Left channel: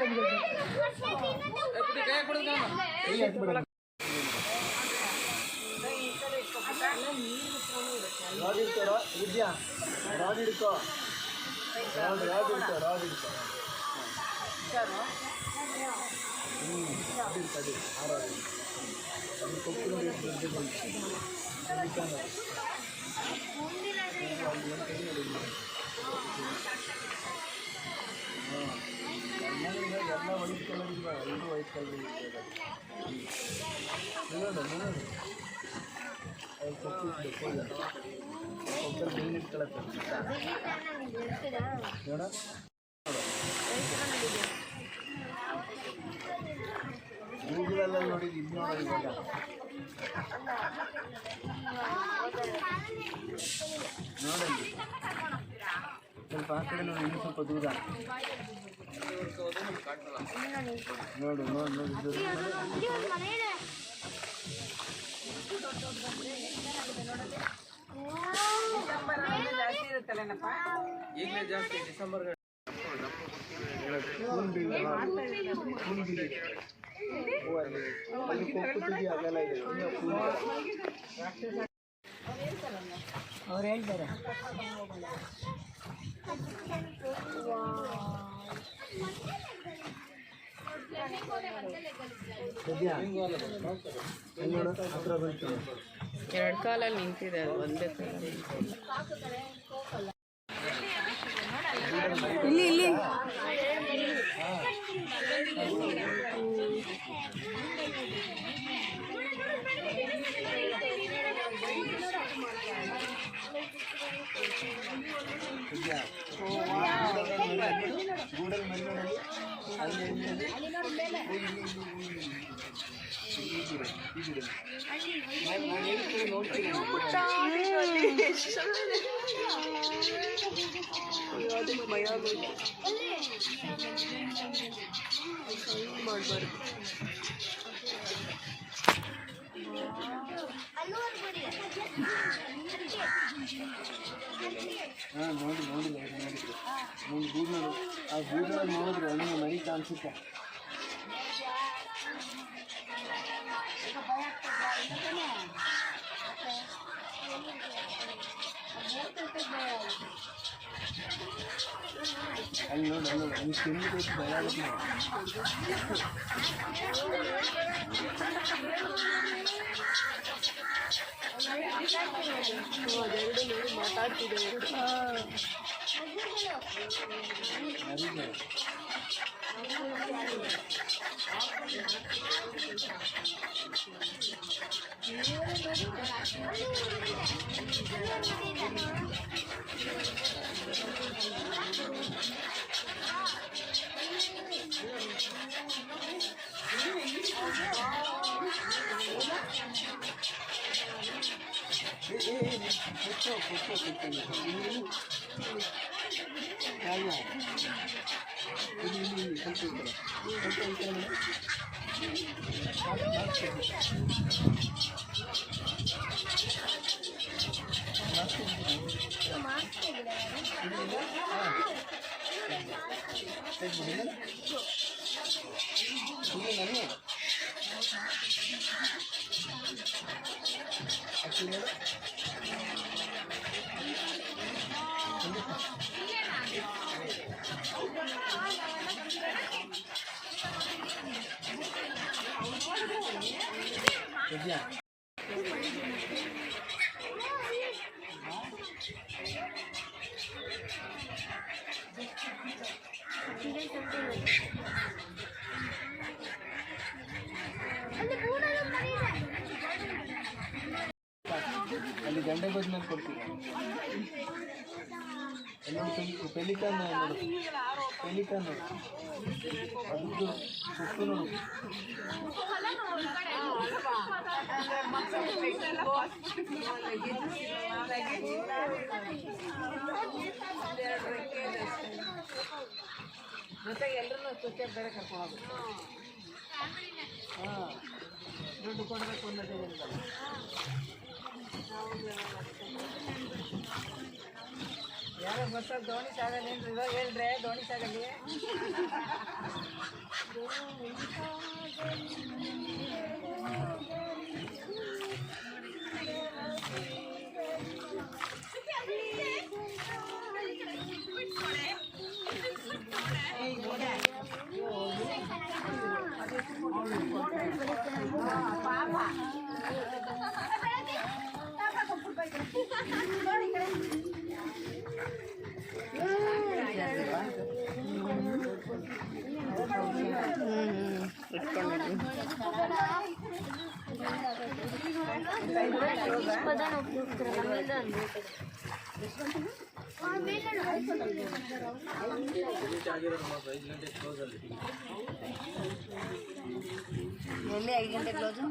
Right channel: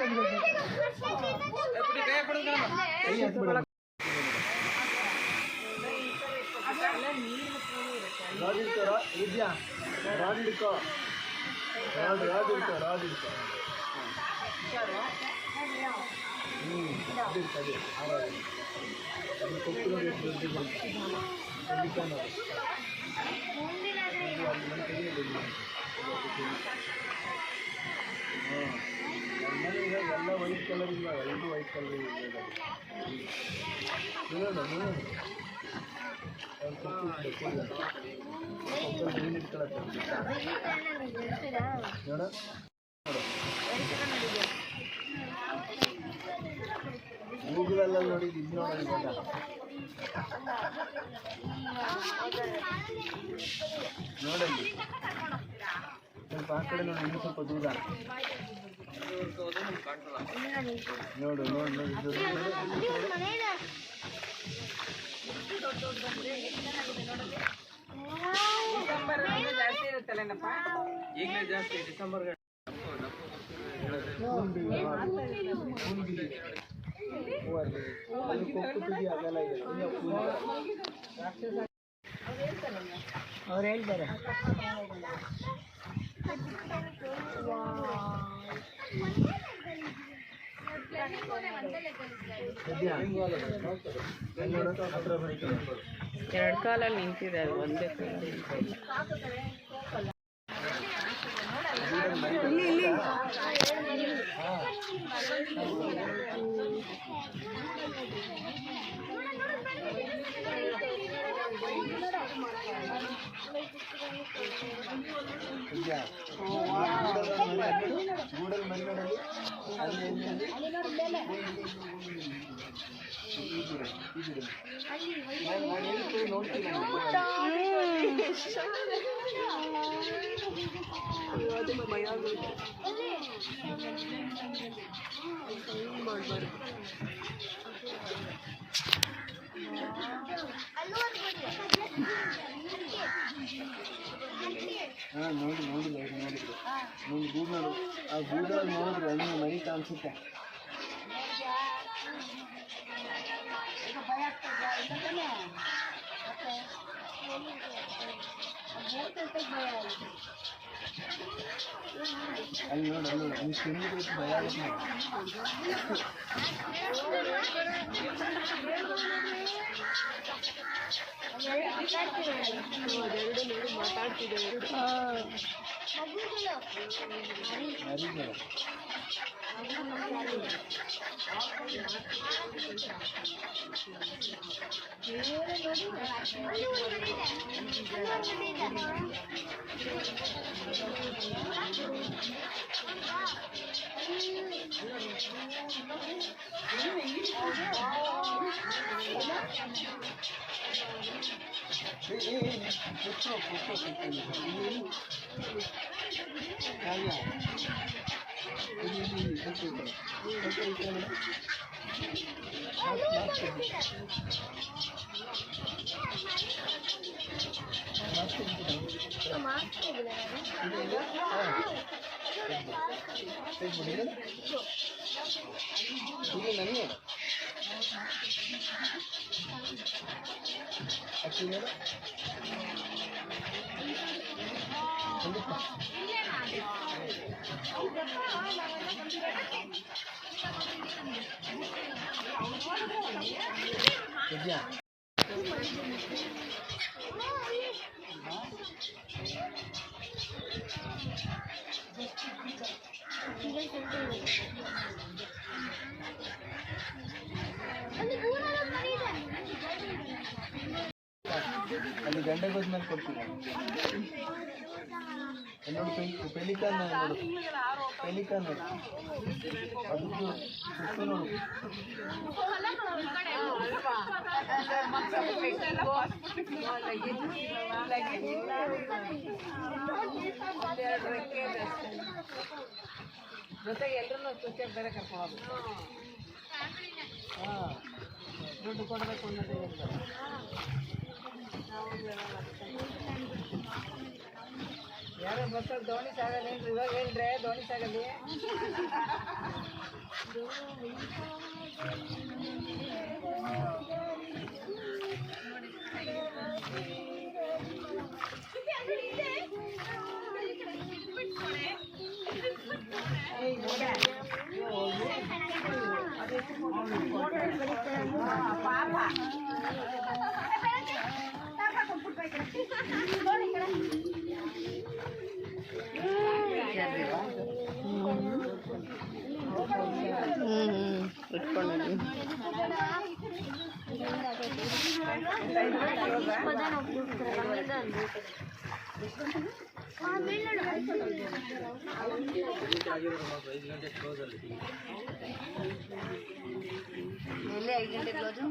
ಎಲ್ಲ white colour ಇಲ್ಲ, ಇದು ವೈಟ್ ಕಲರ್ ಇದೆ. ನೋಡ ಗೂಗಲಲ್ಲಿ ನೋಡಿದ್ದು ಇದು ನೋಡಿ ಇವಾಗ ನೋಡಲ್ಲಿ ಸ್ವಲ್ಪ ಆ ಕಡೆ ನೋಡಿ, ಇನ್ನೂ ಸ್ವಲ್ಪ ದೂರ ನೋಡು ನೋಡಿ ನೋಡಿ ಈಗಲೇ ಜಾಸ್ತಿ ಡಿಸೆಂಬರ್ ಅವ್ರು ಹೇಳ್ತಾರೆ ಎರಡು ಕಾಲಲ್ಲಿ ನಿಂತಿದೆ, ಅದು ಒಂದೇ ಕಾಲಲ್ಲಿ ನಿಂತಿಲ್ಲ. ಇಲ್ಲಿ ಇಲ್ಲಿ ಗೂಡಲ್ ಮರಿಗಳಲ್ಲಿ ನೋಡ್ತೀನಿ ಭಯ ಮಾಡಬಾರ್ದು. ಹಾಂ ನೋಡಿಲ್ಲ ನೋಡಿದ್ರು ನೋಡಿ ಗೂಗಲ್, ಆ ಗೂಗಲಲ್ಲಿ ನೋಡಿದ್ರು ಹಣ್ಣು ಮರಿತಾ ಅನ್ಸುತ್ತೆ. ಅಲ್ಲಿ ನೋಡಿ ಅಲ್ಲಿ ನೀವು ತಿಂದು ಭಯ ಆಗುತ್ತೆ. ಅದೆರಡು ನೋಡಿ ಮಾತಾಡ್ತಿದ್ದೆ ಅಲ್ಲಿ ಗಂಡೆ ಬದ್ಮೇಲೆ ಕೊಡ್ತೀವಿ. ಪೆಲಿಕಾನ್ ನೋಡು, ಪೆಲಿಕಾನ್ ನೋಡು, ಅದಕ್ಕೆ ಸುತ್ತು ನೋಡು. ಜೊತೆಗೆ ಎಲ್ಲರೂ ಚುಕ್ಕೆ ಬೇರೆ ಕರ್ಕೊಂಡು ಹಾಂ ದುಡ್ಡು ಕೊಡಬೇಕು ಅನ್ನೋದು ಯಾರೋ ಬಸ್ಸಲ್ಲಿ ದೋಣಿ ಸಾಗಲ್ಲ ಏನ್ರಿ, ಇವಾಗ ಹೇಳ್ರೆ ದೋಣಿ ಸಾಗಲಿ ಇಟ್ಕೊಂಡಿದ್ದೀನಿ. ಎಲ್ಲಿ 5 ಗಂಟೆ ಕ್ಲೋಸು?